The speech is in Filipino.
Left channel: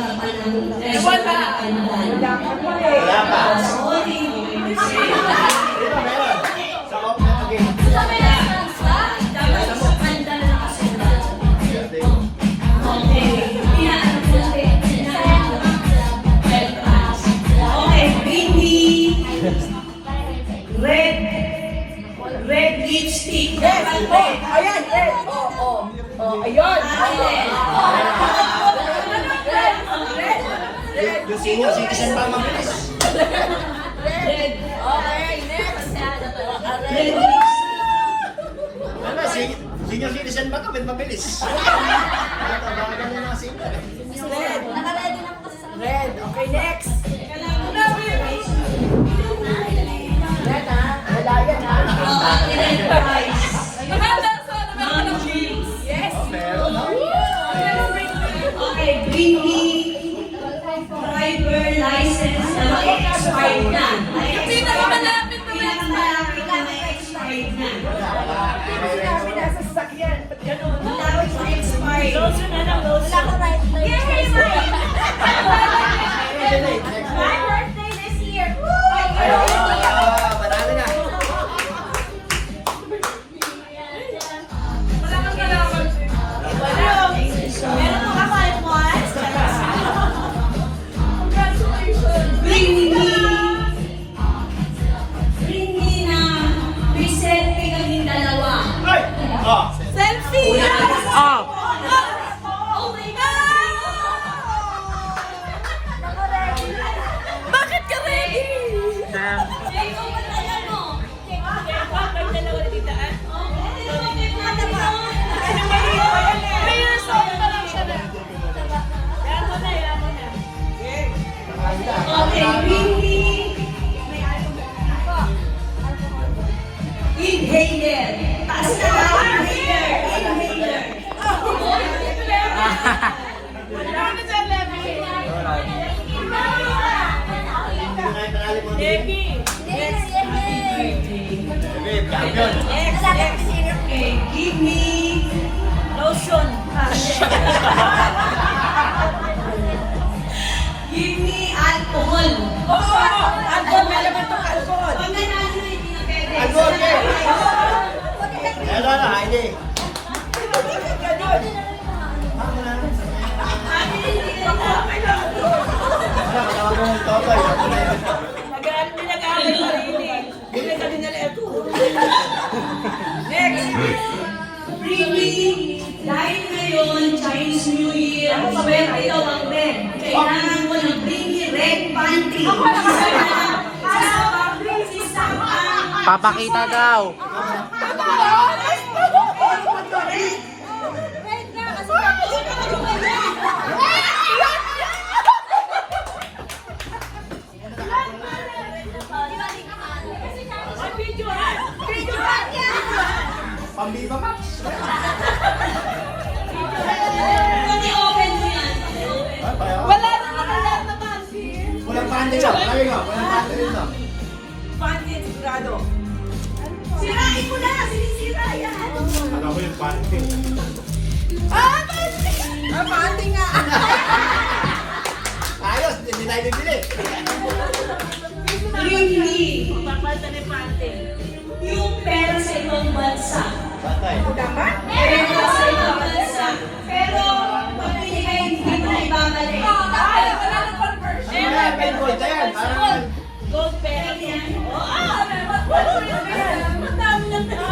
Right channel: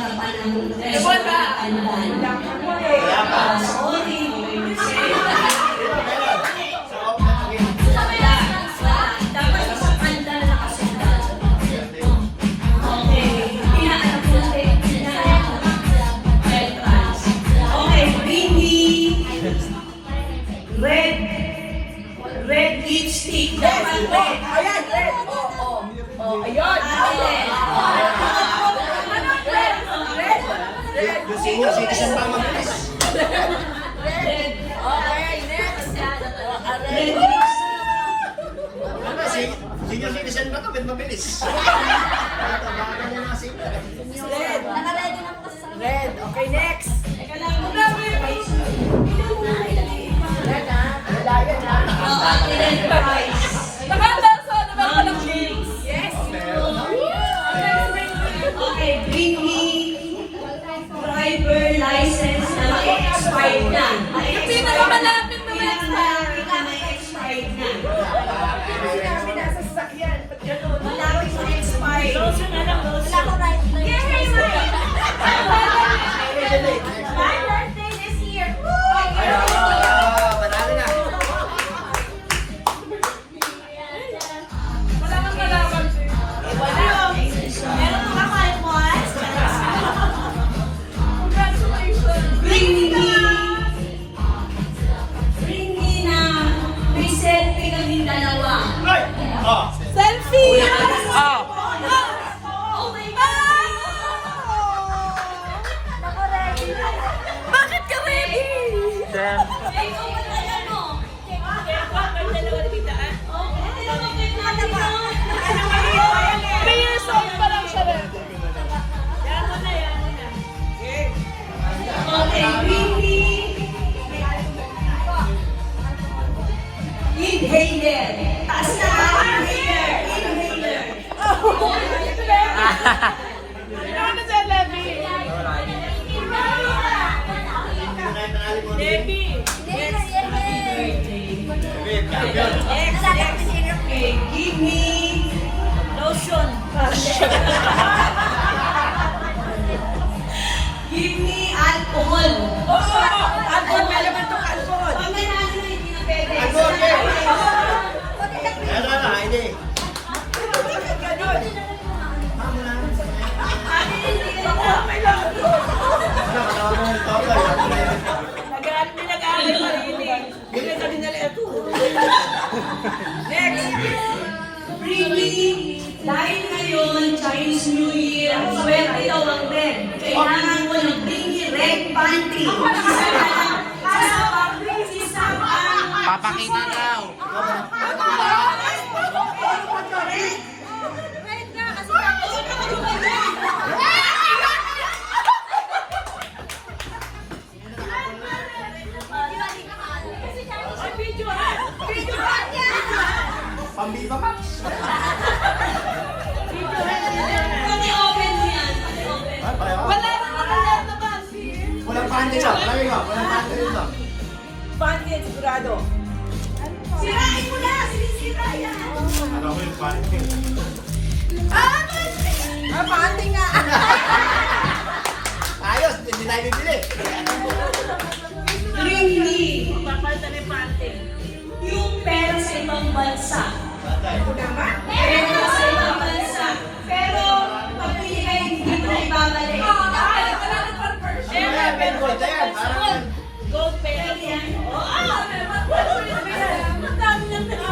harapan ng sorry. Dapat sa kanta na nakasenda. Okay. Pinaanap natin. Okay, Bini. Red lipstick. Dapat red. Ayan, red. Ayun. Red. Okay, next. Red. Senior citizen ba ito? Ba't mabilis? Red. Red. Okay, next. Yes. Okay, Bini. Driver license na expired na. Pinakamalapit na Expired na. Expired. My birthday this year. Panalo na. Meron mo ka 5 months? Bring me na may selfie kaming dalawa. Ay! Selfie! Ah! Oh my God! Naka-ready. Bakit ka ready? Ikaw ba tayo, no? Okay, bring me inhaler. Taas na inhaler. Okay, give me lotion. Give me alcohol. Alcohol, malaman itong alcohol. Mamaya na hindi na pwede. Ano na, hindi. Next. Really, dahil ngayon, Chinese New Year, swerte daw ang red. Kailangan mo ng Bini red panty. Papakita daw.